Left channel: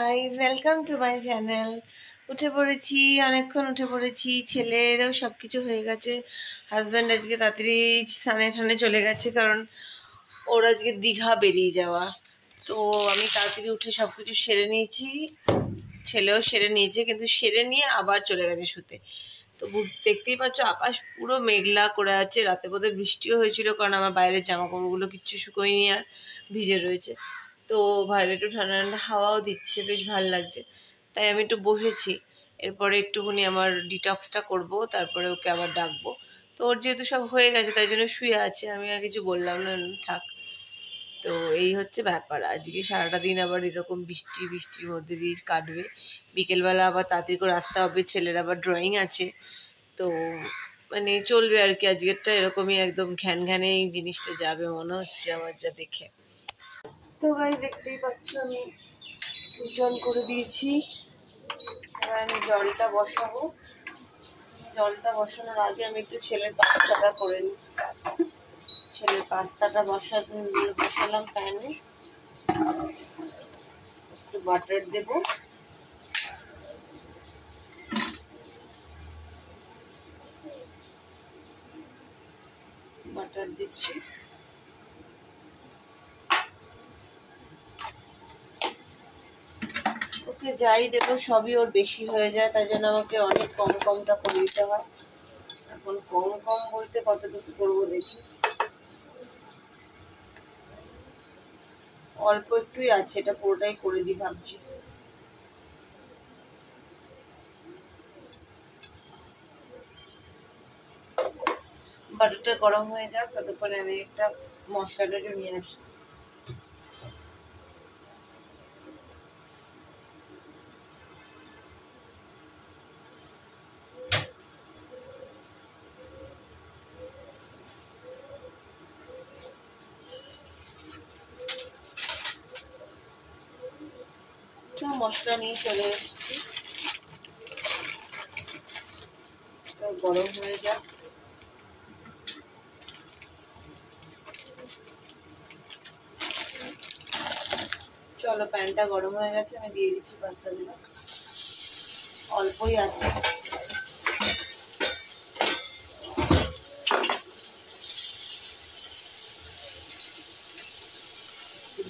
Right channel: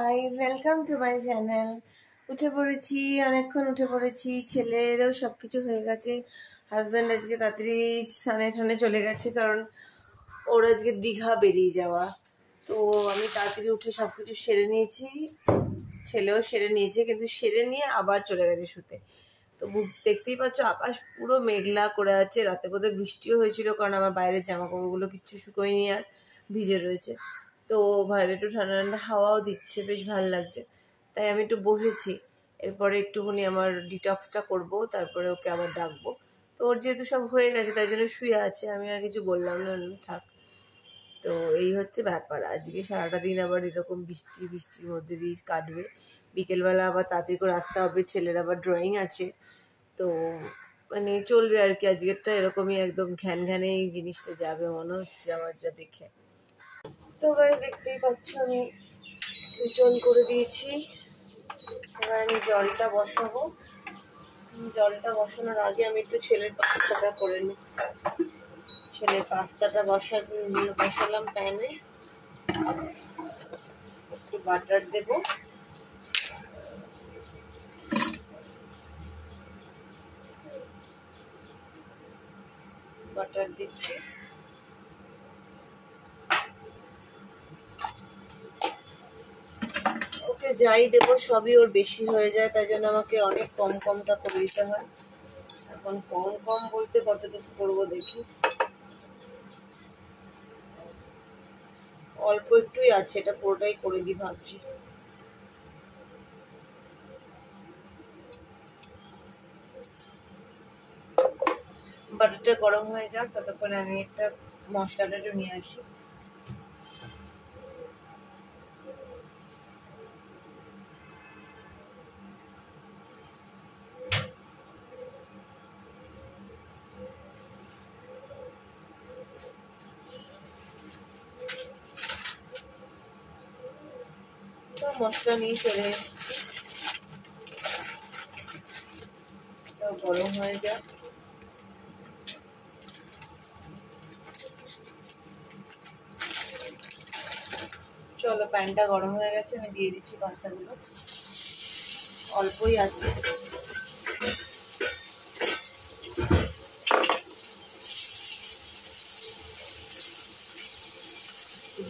High, welcome to my channel. উঠে পড়েছি, অনেকক্ষণ উঠে পড়েছি। ছেলেরও সব কিছু হয়ে গেছে। হাজব্যান্ড আজকে তাড়াতাড়ি স্নানে টানে চলে গেছে, কারণ ওর আজকে দীঘা বেরিয়ে যাওয়া। তো আমি তাড়াতাড়ি উঠে সব কিছু সেরে নিয়েছি, ছেলেও সেরে নিয়েছে, কিন্তু সেরে নিয়ে আবার চলে গেছে শুতে। তো দেখতেই পাচ্ছ আকাশ পুরো মেঘলা করে আছে। রাতে বোধহয় বৃষ্টিও হয়েছিল, কারণ আমার বাইরের জামা কাপড়গুলো কিচ্ছু শুকোয়নি আর ভিজে রয়েছে। তো বাইরে একটু ঠান্ডা ঠান্ডা হাওয়াও দিচ্ছে, বেশ ভালো লাগছে। তাই আমি একটু বসেছি। এরপরে একটুখানি আমার ডিটক্সটা করব, তারপরে ওকে আবার ডাকবো। তো ওর যেহেতু সব হয়ে গেছে তাই জন্য শুয়ে আছে, আমি আর কিছু বললাম না, থাক। তো এই হচ্ছে ব্যাপার। আজকে সারাটা দিন আবার এরকম বৃষ্টির মধ্যে দিয়ে কাটবে। বিকেলবেলা আবার তাড়াতাড়ি করে আসতে হবে, ছেলের আবার ড্রয়িং আছে। তো মানে চলবে আর কি, আজকেরটা এরকমই একদম ঘ্যান ঘ্যানে এই জিনিসটা যাবে মনে হচ্ছে আমার, যা দেখে। তো গাড়ি দেখতেই পাচ্ছ আমি সুইচ অন করে দিয়েছি। এবার আমি জলটা বসাবো। জলটা বসানোর আগে আমি একটু ছেলের পাস্তাটা করে নিই। ছেলের পাস্তাটা বসালাম প্যানে। একটু বাটার দেব। বাটার দিচ্ছি। ওকে যাই দেবো সবই ওর বেশি হয়ে যায়, তাই জন্য আমাকে অনেক কমটা করে দিতে হয়। এখন কম বলতে কতটুকু করবো দেখি। অল্প একটুই আছে, এটা পুরোটাই করে দিই ভাবছি। বাটারটা গরম হয়ে যাক, ততক্ষণে আমি একটা মশলাটা নিয়ে আসি। তো মশলা নিয়ে চলে এসেছি, গরম হয়ে যাক। চলো, প্যানটা গরম হয়ে গেছে, আমি দিয়ে দিচ্ছি পাস্তাগুলো। অল্পই আছে।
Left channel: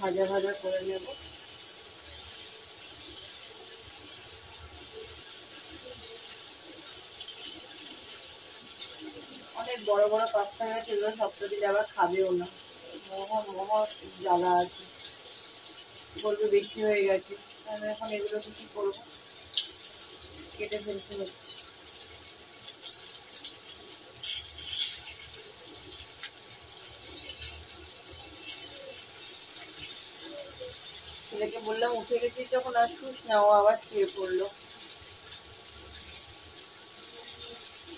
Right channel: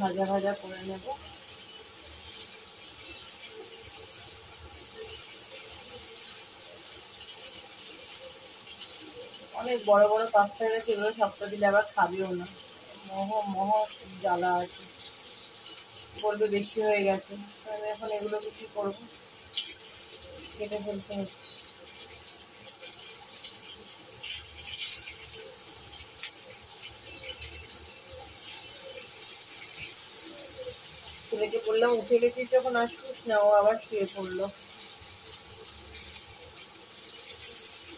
ভাজা ভাজা করে নেব। অনেক বড় বড় পাস্তা গেছে, এগুলো সবটা দিলে আবার খাবেও না। মহ জ্বালা আছে, বলবে বেশি হয়ে গেছে। তাহলে এখন এগুলোকে কি করবো, কেটে ফেলতে হচ্ছে। ছেলেকে বললাম উঠে গেছিস যখন আর শুস না, ও আবার শুয়ে পড়লো।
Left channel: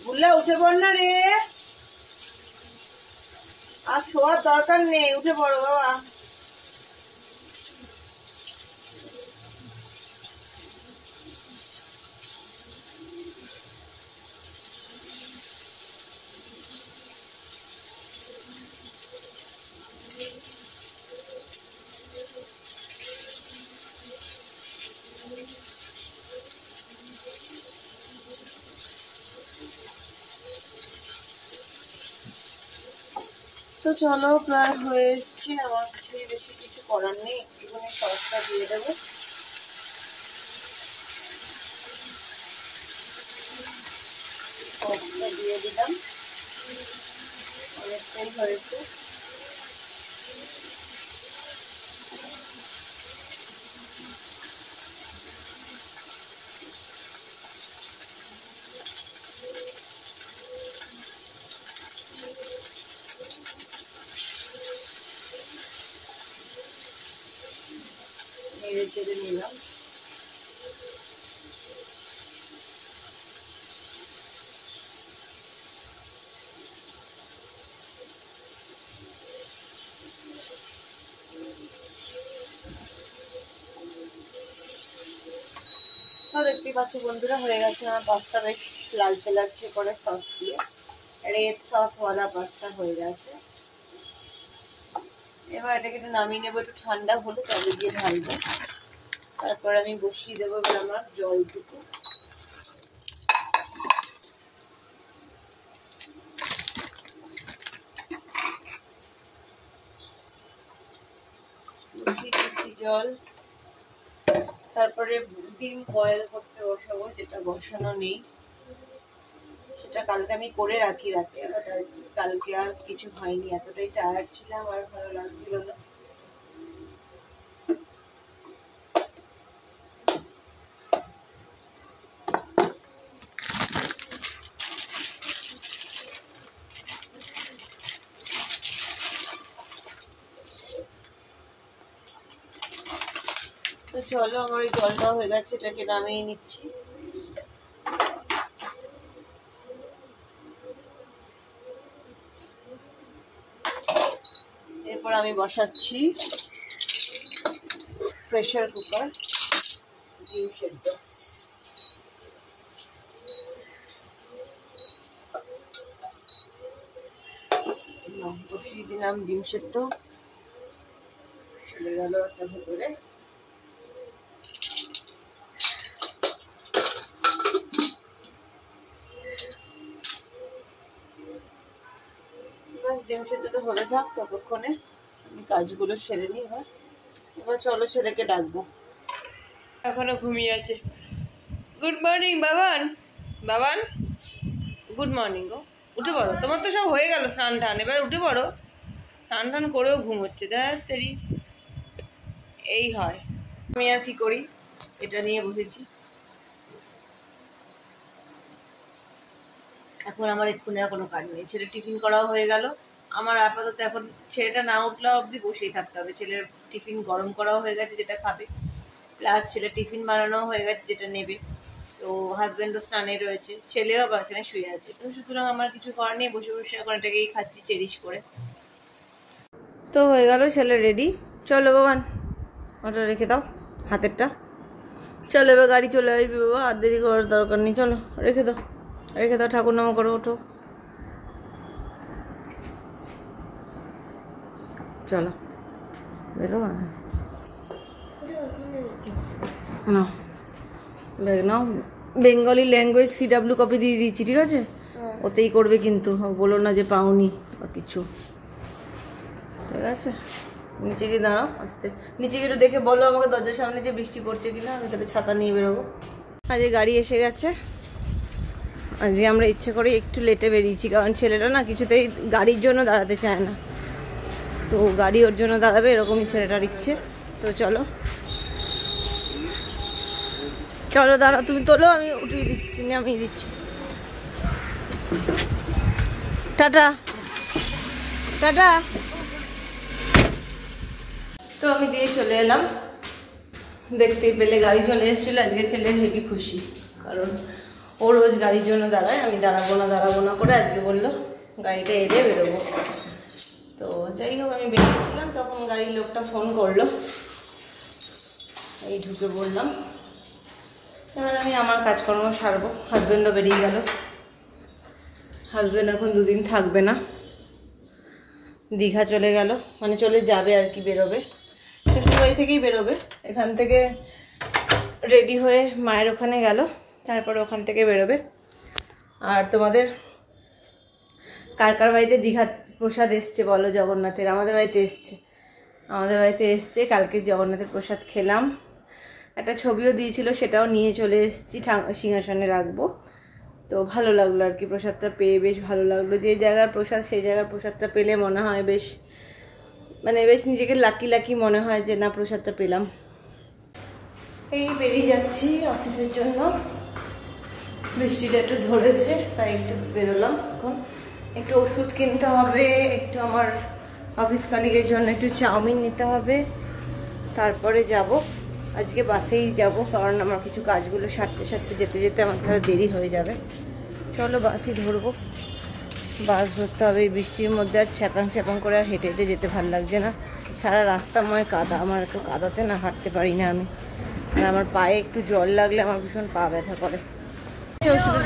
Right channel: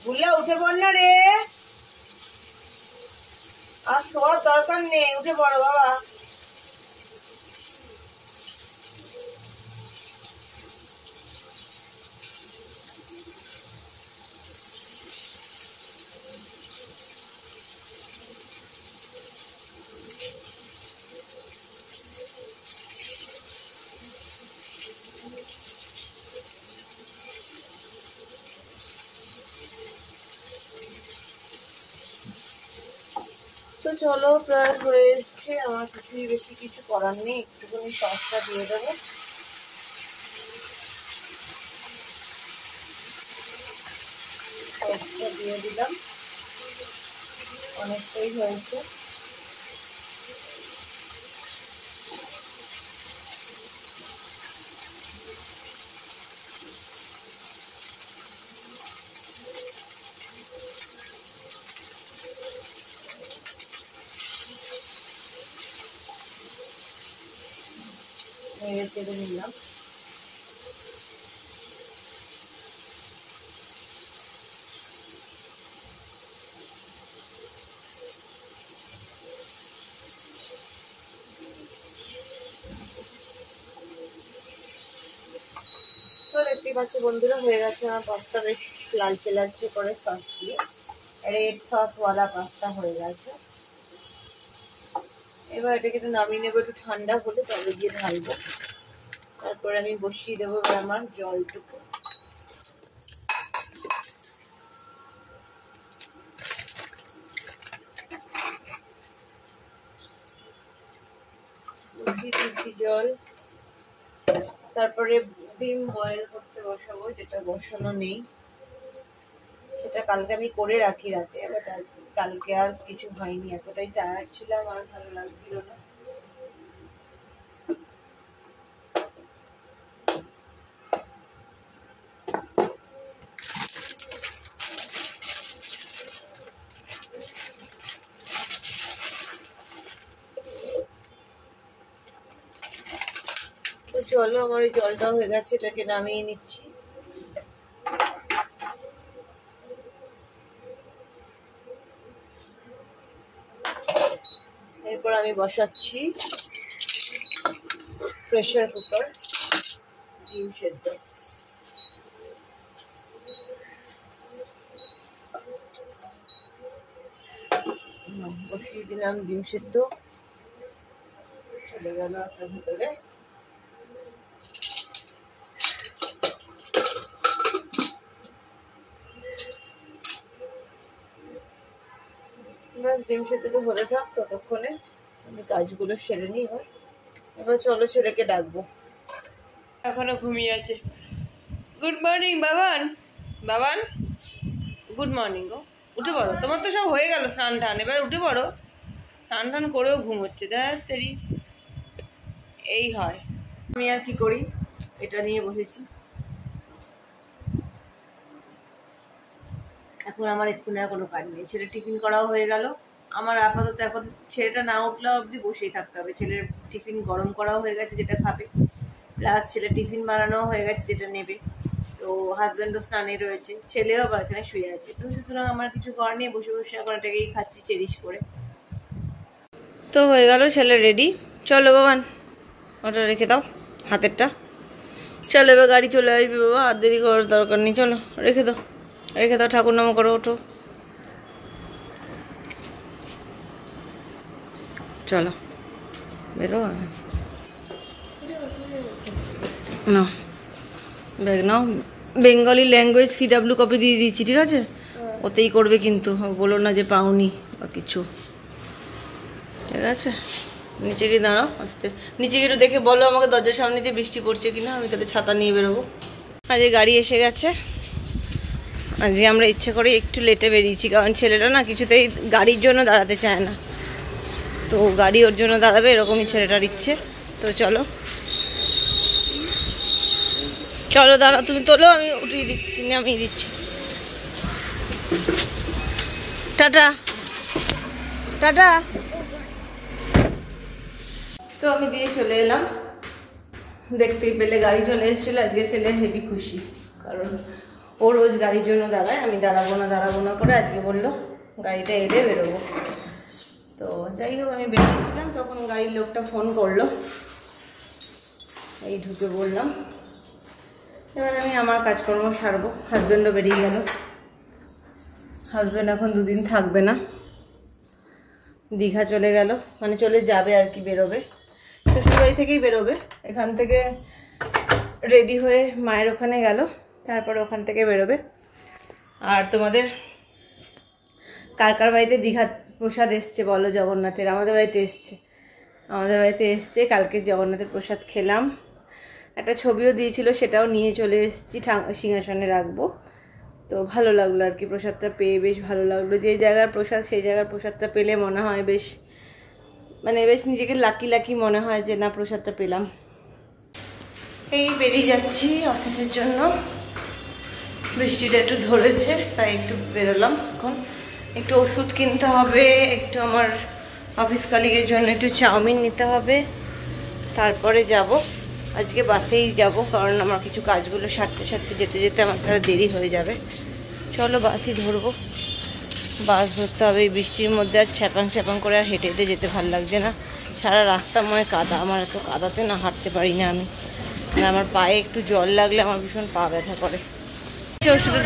বুল্লা উঠে পড় না রে, আর শোয়ার দরকার নেই, উঠে পড়ো বাবা। তো চলো, প্রায় হয়ে এসছে আমার, কিছুই বেশি কিছু করার নেই। একটুখানি সসটা দিয়ে দেবো। সসটা দিয়ে দিলাম, অনেকটাই হয়েছে। নেড়ে চেড়ে নিলাম। তো দেখতেই পাচ্ছ বন্ধুরা, হয়ে গেছে আমার পাস্তা, বেশ লালচে করে সস দিয়ে, রেড সসওয়ালা পাস্তা হয়ে গেছে। এবার এটাকে একটু নামিয়ে নেবো, একটু ঠান্ডা হলে তবে গিয়ে ঢালবো। তারপর আমি বসিয়ে দেবো এবার আমার জলটুকু। জল, তারপরে ডিম বয়েল করতে বসাবো, যেটা বসানো নেই, সেটা কালকে আমি করে রাখি রাতে, বাট কালকে আর কিছু হয়নি, এতটাই টায়ার্ড ছিলাম আর ভালো লাগছিল না। তো চলো, আমার এই জলটাও হয়ে গেছে, এটাকে নামিয়ে নিচ্ছি। এরপর আমি বসাচ্ছি প্রেসার কুকার ডিম সেদ্ধ। বসিয়ে দিলাম ডিম সেদ্ধ, চলে গেল একটা ভেতরে। বাস ডিম সেদ্ধটা হতে থাক, ততক্ষণে আমি কাজগুলো সেরে নিই। এবার চলো ছেলেকে ডাকবো, এখনো ঘুমিয়ে আছে। Good morning Baban, Baban good morning গো, উঠে পড়ো, তোমার তো সব হয়ে গেল স্নান টান, এবার উঠে পড়ো। স্নান টান করেও ঘুমোচ্ছে, দেখ তেরি, এই হয়। আমি আর কি করি, এটা নিয়ে বসেছি। এখন আমার এক্ষুনি আর কোনো কাজ নেই, ছেলে টিফিন করাও হয়ে গেল আমার। আপাতত এখন ছেলেটা না উঠলে অবধি বসেই থাকতে হবে। ছেলের টিফিন গরম করাও হয়ে গেছে, যেটা খাবে, প্লাস ছেলের টিফিন বানানো হয়ে গেছে, যেটা নেবে। তো হাজব্যান্ডও স্নানে রয়েছে, ছেলেও আবার এখানে শুয়ে আছে। তো সুতরাং আমার কিছু করার নেই, বসে বসে এখন এটাকেই খাচ্ছি চেরিশ করে। তো হয়ে গেল, ছেলে রেডি। চলো বাবান, ওটা রেখে দাও হাতেরটা। চলো এবার গাড়ি চলে আসবে বাবা, আর দেরি করার দরকার নেই। চলো রেখে দাও, রেখে দাও, ঠাকুর নাম করো, ওঠো। চলো বেরো নাও, ব্যাগ নাও। বেঙ্গলি ল্যাঙ্গুয়েজ CW কপি দিয়ে দিয়েছি, ঠিক আছে? ওতেই করবে কিন্তু, বলো না যে পাওনি বা কিছু, ঠিক আছে? নিচে গিয়ে দাঁড়াও, আস্তে নিচে গিয়ে দেখে বলো আমাকে দরজার সামনে যে বৃষ্টি পড়ছে কিনা, আমি তাহলে ছাতা নিয়ে বেরোবো। আজকে গাড়ি এসে গেছে। আজকে আমরা ইচ্ছে করে একটু লেটে বেরিয়েছি, কারণ ছেলেটা না কিছুতেই গাড়ির জন্য দাঁড়াতে চায় না। তো গাড়ি ওর জন্য দাঁড়াবে, এরকমই ছেলেটার ইচ্ছে। তো চলো চলো দাঁড়াও, তুমি তোলো, আমি উঠিয়ে দিচ্ছি, নামিয়ে দিচ্ছি। Tata tata. তো আমি দিয়ে চলে এলাম, দেখতেই পেলে গাড়ি চলে এসেছিলো। আজকে ছেলে হেভি খুশি, কারণ ও রোজ গাড়ির জন্য দাঁড়ায়, আমি দাঁড়াবো না করে আজকে বললো গাড়িটা এলে বেরোবো। তো যাই হোক, আমি বেরিয়েছিলাম, তখন গাড়ির লোকটা ফোন করলো, এই ঢুকে বললাম। এবার আমি আমার কাজকর্ম সারবো। হাজব্যান্ডও বেরিয়ে গেল, হাজব্যান্ড এখন 2 দিন থাকবে না, দীঘা চলে গেল, মানে চলে যাবে আর কি, বেরোবে শ্বশুরবাড়ি থেকেই বেরোবে। এখান থেকে রেডি হয়ে মায়ের ওখানে গেল, তারপরে ওখান থেকে বেরোবে। আর তোমাদের কার কার বাড়িতে দীঘা প্রসাদ এসছে বলো? জগন্নাথের আমাদের বাড়িতে এসছে। কালকে জগন্নাথের প্রসাদ খেলাম, একটা ছবিও দিয়েছিল, সেটাও নিয়ে চলে এসেছি, সিংহাসনে রাখবো। তো ভালো লাগলো আর কি, প্রসাদটা পেয়ে বেশ ভালো লাগলো। যে জায়গার প্রসাদ সেই জায়গার প্রসাদটা পেলে মনে হয় বেশ, মানে বেশ নিজেকে লাকি মনে হয় যে না প্রসাদটা পেলাম। এই বেরিয়ে যাচ্ছি অফিসের জন্য, বৃষ্টিটা একটু ধরেছে তাই একটু বেরোলাম। এখন একটু ওষুধ কিনতে হবে, একটু আমার অফিস কলিগের জন্য একটু চাউমিন নিতে হবে, তারপরে যাব। আজকে বাসেই যাব, কারণ আমার কিছু কাজগুলো সারতে যেতে আমার তাহলে দেরি হয়ে যাবে। চলো বাসই ধরবো, বাস ধরতে হবে। এই বৃষ্টির মধ্যে আর ছ্যাপাং করে আর হেঁটে যেতে ভালো লাগছে না, সারা রাস্তাময় কাদা। আমার এত কাদাতে না হাঁটতে পারি না আমি, আর আমার পায়ে একটু জল লাগলে আমার ভীষণ পা ব্যথা করে। ওষুধের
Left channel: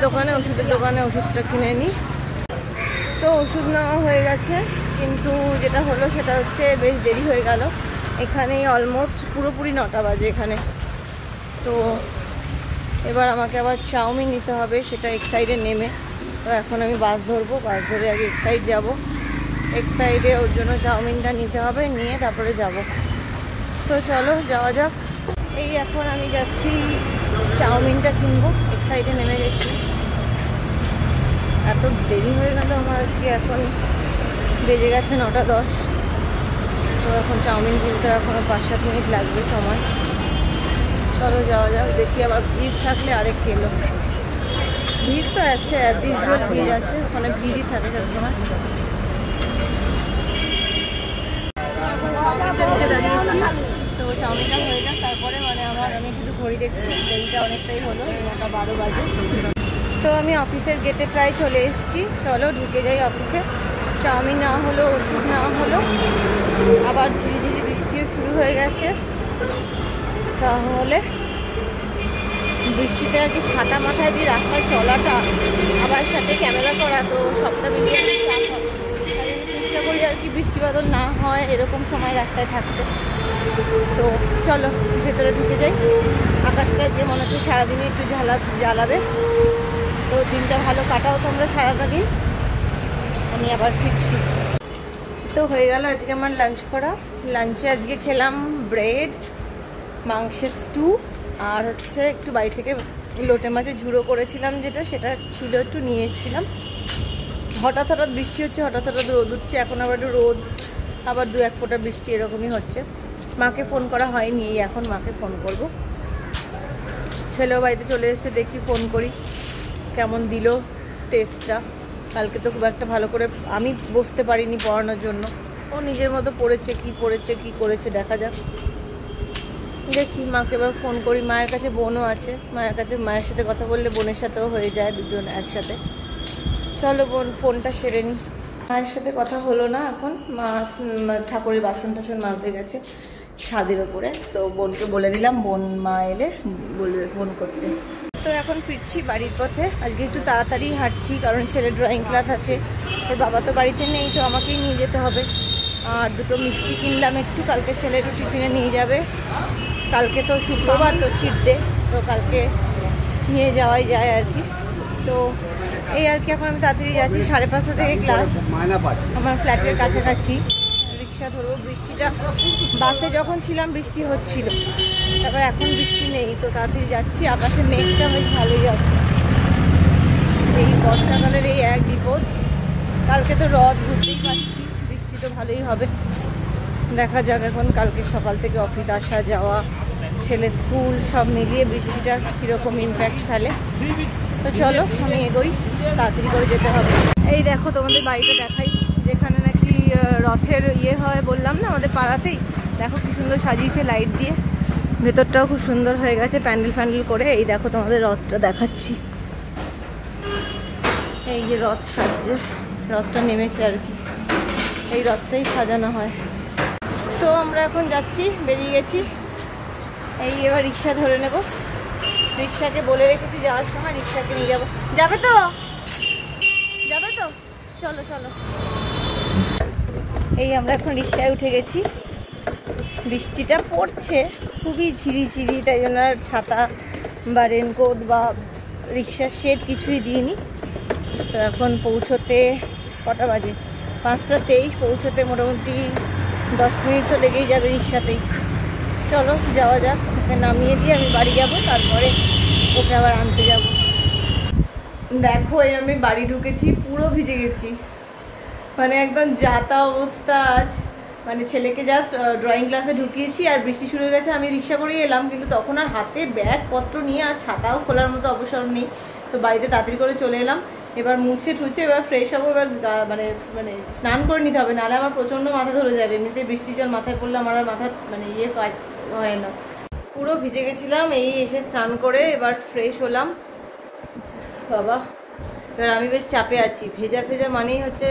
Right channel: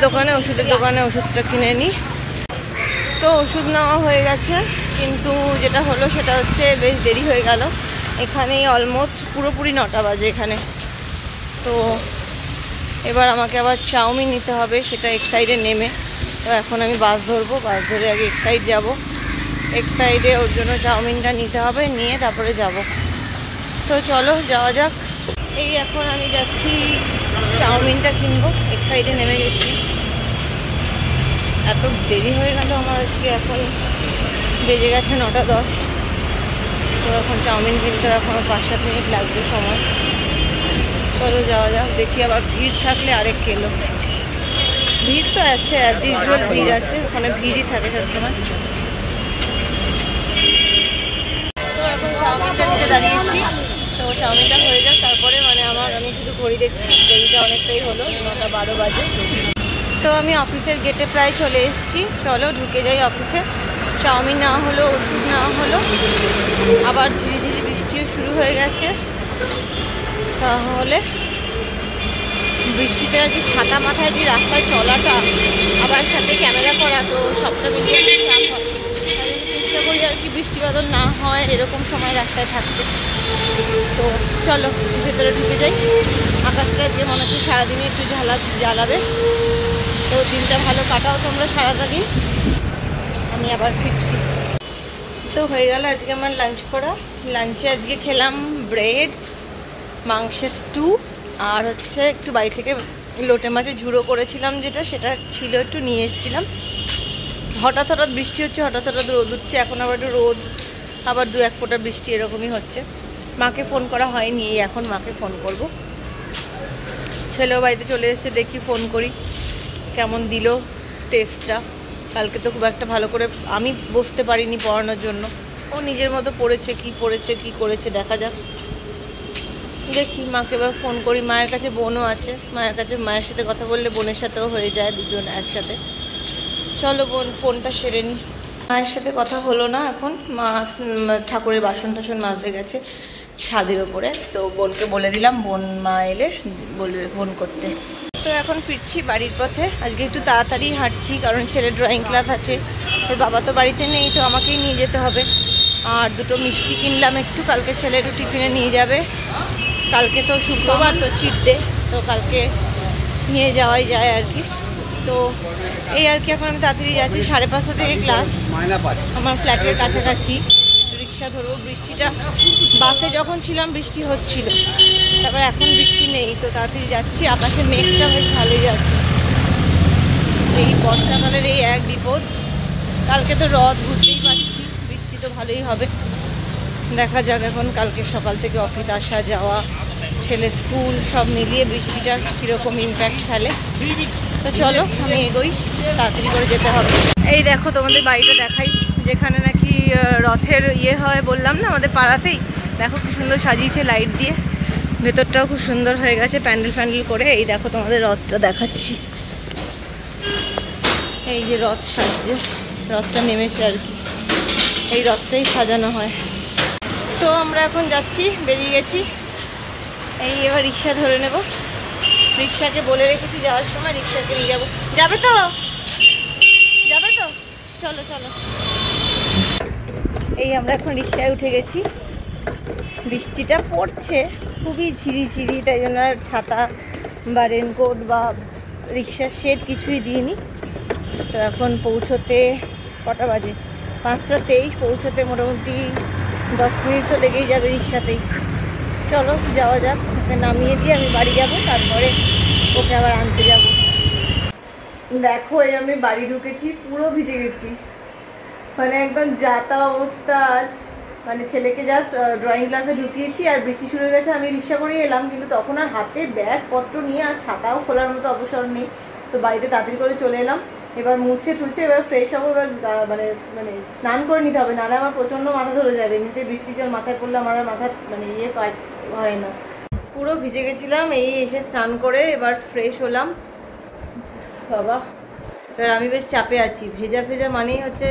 দোকানে ওষুধটা কিনে নিই। তো ওষুধ নেওয়া হয়ে গেছে, কিন্তু যেটা হলো সেটা হচ্ছে বেশ দেরি হয়ে গেল। এখানেই অলমোস্ট পুরোপুরি 9টা বাজে এখানে, তো এবার আমাকে আবার চাউমিন নিতে হবে, সেটা এক সাইডে নেমে। তো এখন আমি বাস ধরবো, বাস ধরে আগে এক সাইড যাবো, এক সাইডে ওর জন্য চাউমিনটা নিতে হবে, নিয়ে তারপরে যাব। তো চলো যাওয়া যাক। এই এখন আমি যাচ্ছি চাউমিনটা কিনবো, এক সাইডে নেমে গেছি। এত দেরি হয়ে গেল আমার আজকে, এখন বেজে গেছে 9টা 10। তো এখন চাউমিন কিনতে এখনও 5-7 মিনিট লাগবে সময়। চলো যাওয়া যাক, দেখি আবার ভিড় থাকলে আরেক কিলো। ভিড় তো আছে, অ্যাজ ইউজুয়াল ভিড় আছে, ওখানে ভিড়ই থাকে সবসময়। তো এখন চাউমিনটা নিতে দাঁড়িয়েছি, তো চাউমিনটা হয়ে যাক তারপরে আমি শুধু ঘড়ি দেখছি, দেরিটা অনেকটাই হলো, 9টা 12 বাজে। তো আমি অফিসের গেটে প্রায় চলে এসেছি, চলো ঢুকে যাই অফিসে। চাউমিন না হলো, ওষুধ না হলো, আবার ঝিরিঝিরি বৃষ্টিও শুরু হয়ে গেছে। তাহলে বৃষ্টিতে আর কি ছাতা মাথায় দিয়ে রাস্তায় চলাটা, আবার সাথে ক্যামেরা করা, তো সবটা মিলিয়ে চাপ হয়। তাই জন্য চেষ্টা করি আর কি বৃষ্টি বাদল না হয় এরকম সময় রাস্তায় থাকতে। তো চলো ভেতরে ঢুকে যাই। আকাশটা যে মনে হচ্ছে সারাদিনে একটু জ্বালাবে। তো দিনটা ভালো কাটাও তোমরা সারাটা দিন, আমি আবার ফিরছি। তো হয়ে গেল আজকে আমার লাঞ্চ করা। লাঞ্চে আজকে খেলাম ব্রেড, মাংসের স্টু, আর হচ্ছে একটু বাড়ি থেকে লোটে মাছের ঝুড়ো করেছিলাম, সেটা ছিল একটু নিয়ে এসেছিলাম। হঠাৎ হঠাৎ বৃষ্টি হচ্ছে, হঠাৎ হঠাৎ রোদ উঠছে, এখন আবার একটু রোদ, আবার 2-1 ফোঁটা বৃষ্টি, এরকমই হচ্ছে। মাকে ফোন করা হয়নি, এখন মাকে ফোন করব। ছেলেও বাড়িতে চলে এসেছে, দেখি ফোন করি কেমন দিল টেস্টটা। কালকে তো খুব একটা ভালো করে আমি বসতে পারিনি পড়ানোর জন্য, ও নিজের মতো পড়েছে, কি করেছে দেখা যাক। দেখি মাকে এবার ফোন করি। মায়ের কাছে বোনও আছে, মায়ের সাথে কথা বললে বোনের সাথেও হয়ে যায়, দুজন একসাথে। চলো বোন ফোনটা সেরে নি। মায়ের সাথে কথা হলো না এখন, মা ঠাকুরের বাসন টাসন মাজতে গেছে ছাদের ওপরে। তো বোনকে বলে দিলাম, মা এলে বলবে ফোন করতে। তো এখন ফিরছি বাড়ির পথে। আজকে একটু তাড়াতাড়ি হাঁটছি, কারণ ছেলের ড্রয়িং ক্লাস আছে, ওর বাবা তো বাড়িতে নেই, তো আমাকেই নিয়ে যেতে হবে। আর 2টো মিষ্টি কিনলাম একটু, কালকে ছেলে একটু টিফিনে নিয়ে যাবে। কালকে তো শুক্রবার, তো চিট ডে, তো কালকে নিয়ে যাওয়াই যায় আর কি। তো এই আর কি, এখন আমি তাড়াতাড়ি যাচ্ছি। 5:30 থেকে ক্লাস, আমার ফ্ল্যাটের কাছাকাছি। রিক্সা ধরবো। বৃষ্টিটা, বাসে যখন ছিলাম বৃষ্টি হচ্ছিল, তারপর এখন বৃষ্টি নেই, তো তাড়াতাড়ি যাচ্ছি। আকাশে মেঘটা বেশ ভালোই যাচ্ছে। এই বর্ষাকালের এই এক বিপদ। কালকে তো রথ, বুঝতেই পারছি বৃষ্টি তো ভালোই হবে। দেখা যাক এখন, কালকে সকাল থেকে অফিস আসা যাওয়া, ছেলে স্কুল, সব মিলিয়ে বৃষ্টিটা কীরকম ইম্প্যাক্ট ফেলে। তো চলো আমি এগোই, তাড়াতাড়ি করে যেতে হবে। এই দেখো তোমাদের বাড়িটা দেখাই, যেখানে নাকি রথের হয়, বললাম না আমাদের পাড়াতেই। দেখো কি সুন্দর সাজিয়েছে লাইট দিয়ে, ভেতরটাও খুব সুন্দর হয়ে গেছে প্যান্ডেল করে। এই দেখো তোমাদের রথটা দেখাচ্ছি, এই যে রথ সাজছে, রথটা নেমেছে আর কি, এই রথটাই সাজানো হয়। তো আমরা এখন যাচ্ছি, বেরিয়ে গেছি। এই এবার রিক্সা ধরে নেব। রিক্সাকে বলে রেখেছি যাওয়ার সময় রিক্সাকে নিয়ে যাবো। যাবে তো চলো চলো। এই আমরা এখন রিক্সায় উঠে গেছি। বৃষ্টিটা পড়ছে খুবই ঝিরিঝিরি, তাই জন্য আর ছাতা বা রেনকোট বা রিক্সার শেড কিছুই দিইনি। তো এখন পৌঁছোতে কটা বাজে, 5টা 23, পৌঁছোতে মোটামুটি 10 মিনিট তো লেগেই যাবে রিক্সাতেই। চলো যাওয়া যাক, ওকে নামিয়ে দিয়ে আমি বাড়ি যাব, তারপরে ওকে আবার আনতে যাব। দেখো এই আমি বাড়ি ঢুকেছি, পুরো ভিজে গেছি, মানে একদম যাতা অবস্থা আজ। মানে ছেলেকে জাস্ট ড্রয়িং ক্লাসে ঢুকিয়েছি আর বৃষ্টি শুরু হয়ে গেছে। আমি রিক্সা করে এলাম, কিন্তু তখন আর হাতে ব্যাগপত্র নিয়ে আর ছাতাও খোলার মতো অবসর নেই। তো বাড়িতে তাড়াতাড়ি করে চলে এলাম। এবার মুছে ঠুছে এবার ফ্রেশ হবো। এবার মানে স্নান করে নিতে হবে, নাহলে আমার প্রচণ্ড মাথা ধরে যাবে। এমনিতে বৃষ্টির জল মাথায় পড়লে আমার আর মাথা কাজ হয় না। পুরো ভিজে গেছিলাম, এই এসে স্নান করে এবার ফ্রেশ হলাম। বাবা, এবার আমি বেশ চাপে আছি। ভেজা মানেই হচ্ছে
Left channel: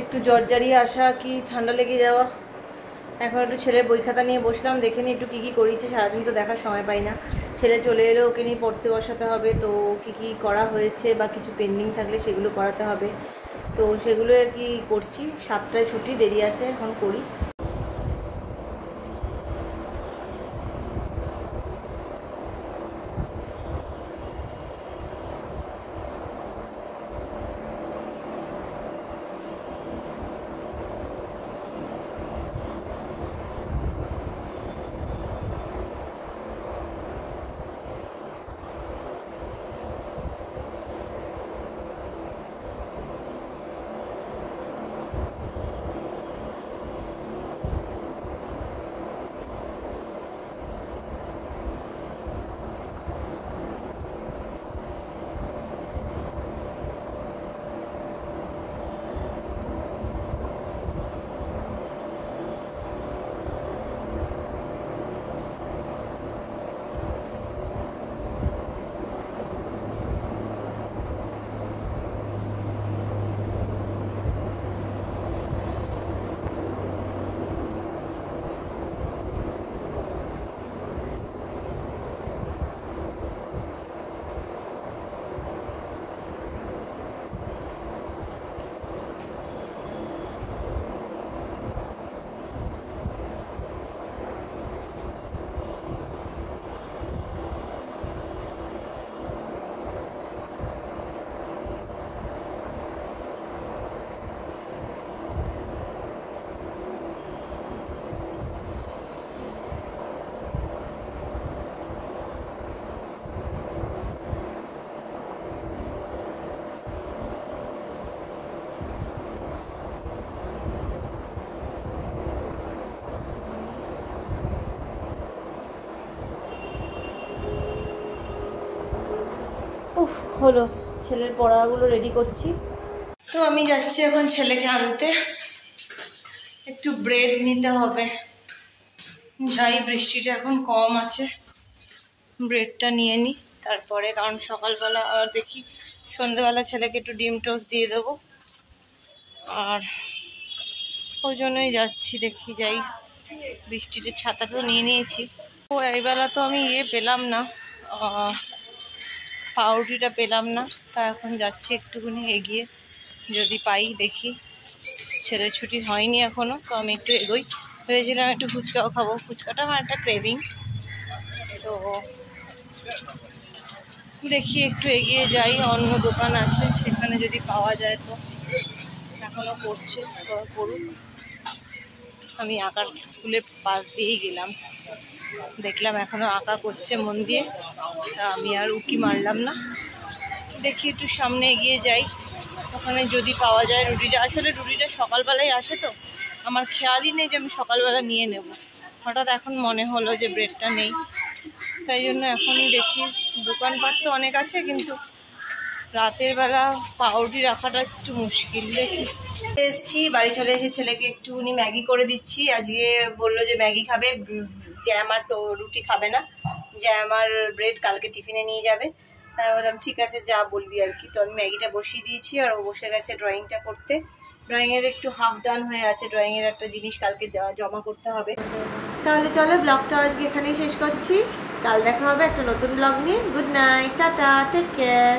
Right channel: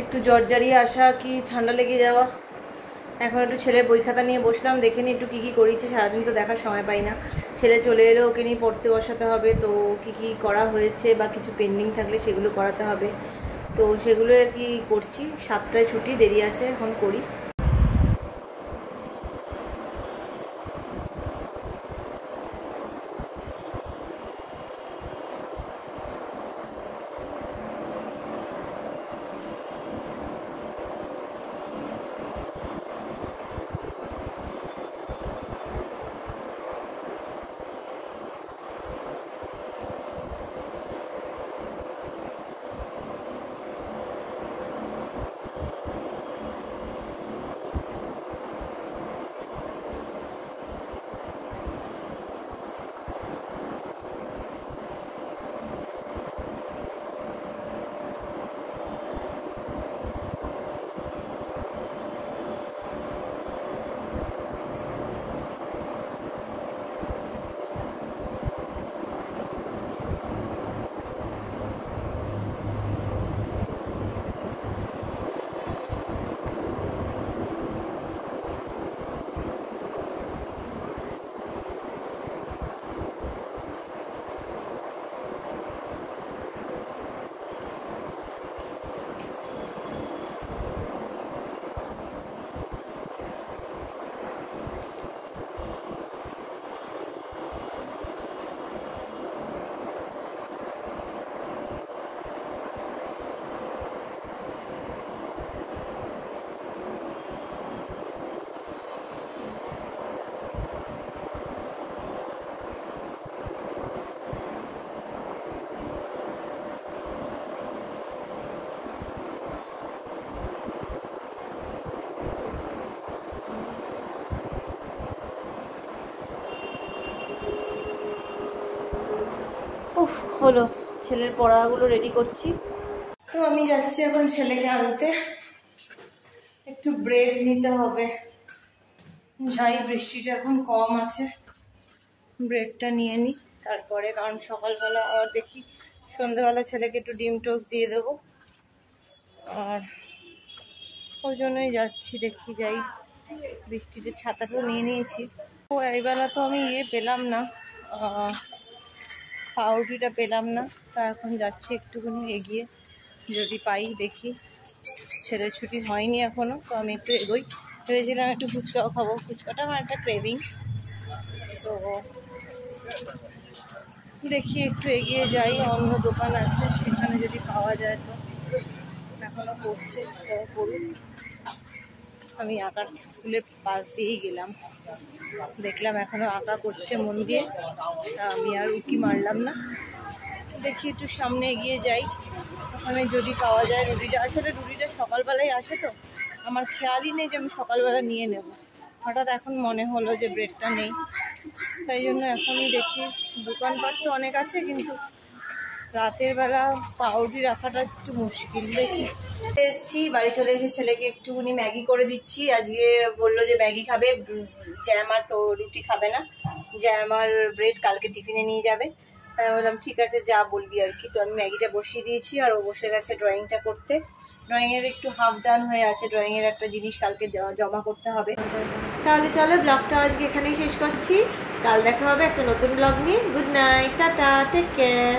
একটু জ্বরজারিয়ে আসা কি ঠান্ডা লেগে যাওয়া। এখন একটু ছেলের বই খাতা নিয়ে বসলাম, দেখে নিই একটু কী করেছে। সারাদিন তো দেখার সময় পাই না। ছেলে চলে এলে ওকে নিয়ে পড়তে বসাতে হবে, তো কী করা হয়েছে বা কিছু পেন্ডিং থাকলে সেগুলো করাতে হবে। তো সেগুলো আর কি করছি। 7টায় ছুটি, দেরি আছে, এখন করি। উফ, হলো, ছেলের পড়াগুলো রেডি করছি। তো আমি যাচ্ছি এখন ছেলেকে আনতে, একটু ব্রেড নিতে হবে। যাই, বৃষ্টিটা এখন কম আছে, ব্রেডটা নিয়ে নিই তারপরে, কারণ সকালবেলা আর দেখি সন্ধ্যেবেলা ছেলেকে একটু ডিম টোস্ট দিয়ে দেবো, আর ওই জন্যই যাচ্ছি। দেখি যাই, বৃষ্টিতে ছাতা তো নিয়ে নিয়েছি। ও এইবেলা তো আমি পেলাম না, পাউরুটিটা পেলাম না, তা এখন যাচ্ছি একটুখানি এগিয়ে, যদি পাই দেখি। ছেলের ছুটি হয়নি এখনো, তো আমি একটু এগোই। ভেবেছিলাম একটু ফুচকাও খাবো, ফুচকাটা আমার একটা ক্রেভিং, তো দেখি একটু এগিয়ে যাই, অন্য দোকান আছে সেখানে যদি পাওয়া যায়। তো এখনো করছে, করুক। আমি আঁকার স্কুলের পাশ দিয়েই গেলাম, দেখলাম এখনো আঁকা করছে মন দিয়ে, আমি আর উকি মারলাম না। দেখি একটু সামনে এগিয়ে যাই, ওখানে যদি পাওয়া যায় রুটিটা। আসলে রুটিটা সকালবেলায় আসে, তো আমার খেয়ালই নেই যে আমি সকালবেলা নিয়ে নেব। হঠাৎ এখন মনে হলো যে ব্রেডটা নেই, তাই জন্য এখনই দেখি। দোকানপাট তো অনেক আছে, কিন্তু রাতের বেলা পাউরুটি রাখাটা একটু মুশকিল। দেখি, এসছি, বাড়ি চলে এসে ছেলেকে একটুখানি ম্যাগি করে দিচ্ছি। আজকে বললো যে ম্যাগি খাবে, জ্যাম আর রুটি খাবে না, জ্যাম আর ব্রেড কালকে টিফিনে নিয়ে যাবে। তাই বললাম ঠিক আছে, যা বলবি আর কি। তো আমি ম্যাগিটা বসিয়ে দিয়েছি, আর ও বসে গেছে ড্রয়িংটা করতে। ড্রয়িংয়ের একটু হাফ ডান হয়ে আছে, ড্রয়িংয়ের একটা জিনিস কালকে জমা করতে হবে। তাহলে চলো, ব্লগটা আজকে এখানেই শেষ করছি। কাল দেখা হবে একটা নতুন ব্লগ নিয়ে। Good night, tata, take care.